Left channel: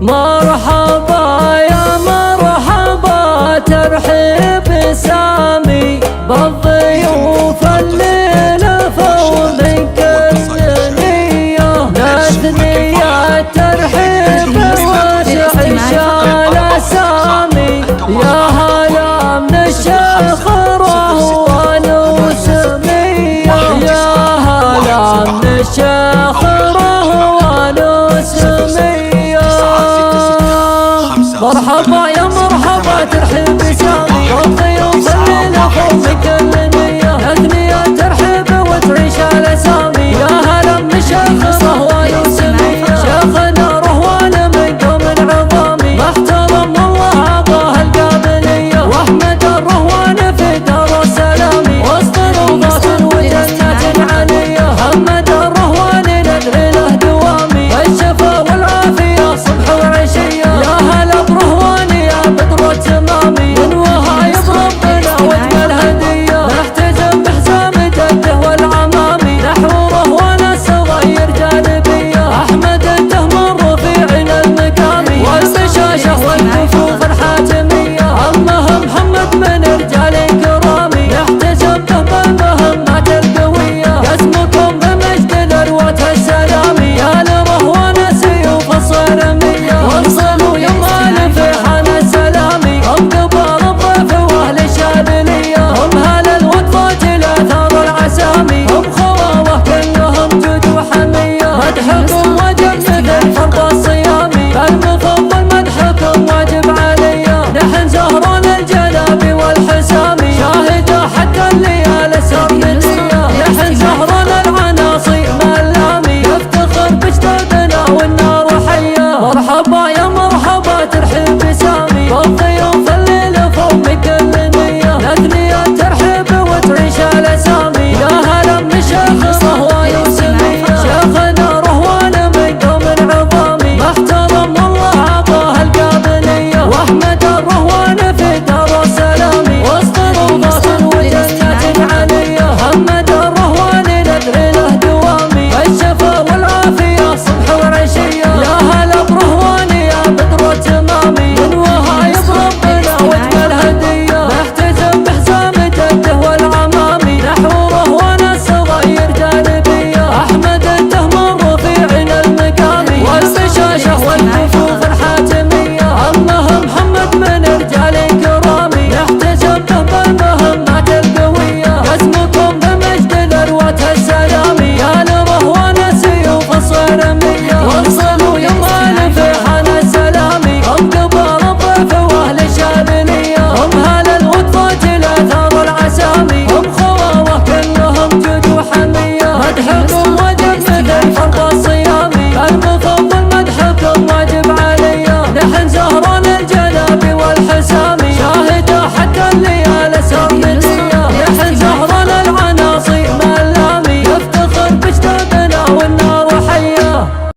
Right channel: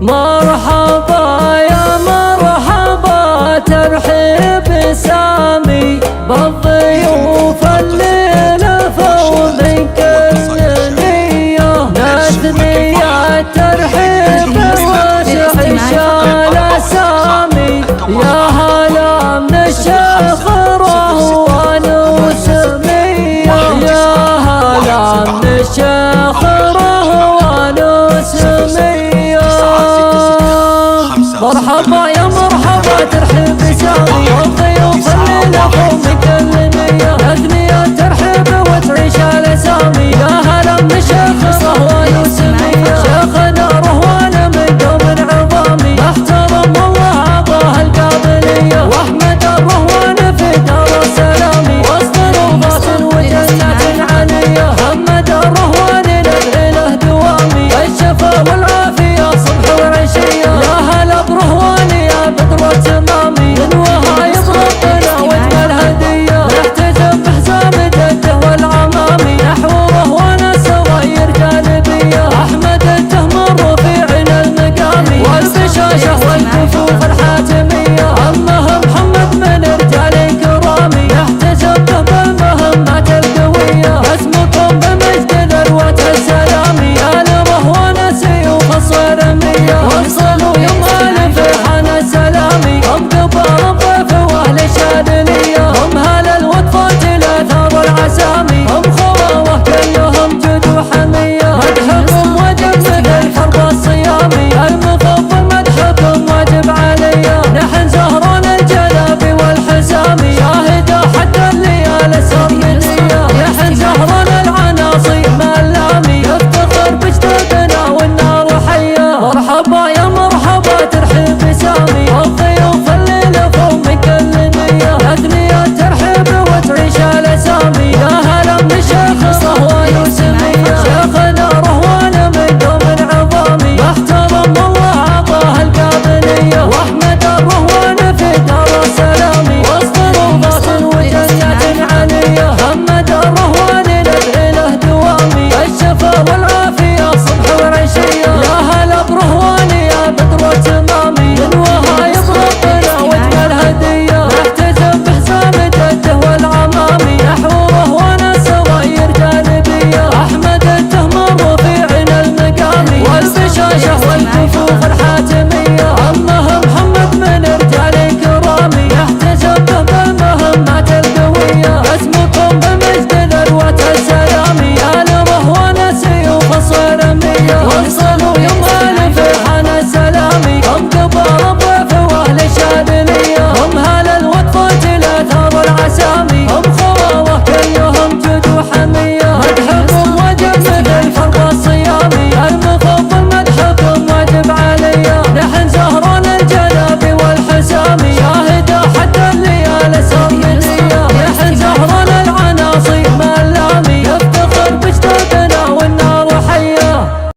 مرحبا يا مرحبا ترحيب سامي بالضيوف الليلة فوق كل نية نثنية ترحيب وشعشال سامي يا هلا من الشيخ رهوان وسمية يا هلا من الشيخ رهوان وسمية مرحبا يا مرحبا ترحيب سامي والضيوف الليلة فوق كل نية نثنية ترحيب وتعيش على سامي يا هلا من الشيخ رهوان وسمية شيخنا رهوان من قوم عظامي محترم والله عطاه القابلية واحمد الرهوان في دار السلام وسط روضات وجنات علية محمد الرهوان ندعي له دوامي الشفا والعافية صبح وعشية يا هلا برهوان يا بدر التمامي من وهايب ربنا واجمل هدية نحتجم بحزام جده والعمامي نحو رهوان الصغير جانبية احمد التهمر رفيعنا المقامي والبشاشة والكفوف الحاتمية عمه محمد من رجال كرامي نحتجم به بالمهمات القوية اسمكم بمجد الأروة السلامي يا لرهوان سيوف الصارمية وصلوا يمال في حان السلامي هم كبار الضيف واهل الشاذلية هم هل الوطفات الاثار العسامي هم خوامه كلهم جود وحمية مدحكم وجب مثل فرض الصيامي المفضل مدحكم واجب عليا نحن زهران الجلاب والحسامي شاهدة حتى الليالي سرمدية نحن زهران العناصي ملامي نفتخر بجدودنا والنار حية مرحبا يا مرحبا ترحيب سامي والضيوف الليلة فوق من كل نية نثنية ترحيب وتعيش على سامي يا هلا من الشيخ رهوان وسمية شيخنا رهوان من قوم عظامي محترم والله عطاه القابلية واحمد الرهوان في دار السلام وسط روضات وجنات علية محمد الرهوان ندعي له دوامي الشفا والعافية صبح وعشية يا هلا برهوان يا بدر التمامي من وهايب ربنا واجمل هدية نحتجم بحزام جده والعمامي نحو رهوان الصغير جانبية احمد التهمر رفيعنا المقامي والبشاشة والكفوف الحاتمية عمه محمد من رجال كرامي نحتجم به بالمهمات القوية اسمكم بمجد الأروة السلامي يا لرهوان سيوف الصارمية وصلوا يمال في حان السلامي هم كبار الضيف واهل الشاذلية هم هل الوطفات الاثار العسامي هم خوامه كلهم جود وحمية مدحكم وجب مثل فرض الصيامي المفضل مدحكم واجب عليا نحن زهران الجلاب والحسامي شاهدة حتى الليالي سرمدية نحن زهران العناصي ملامي نفتخر بجدود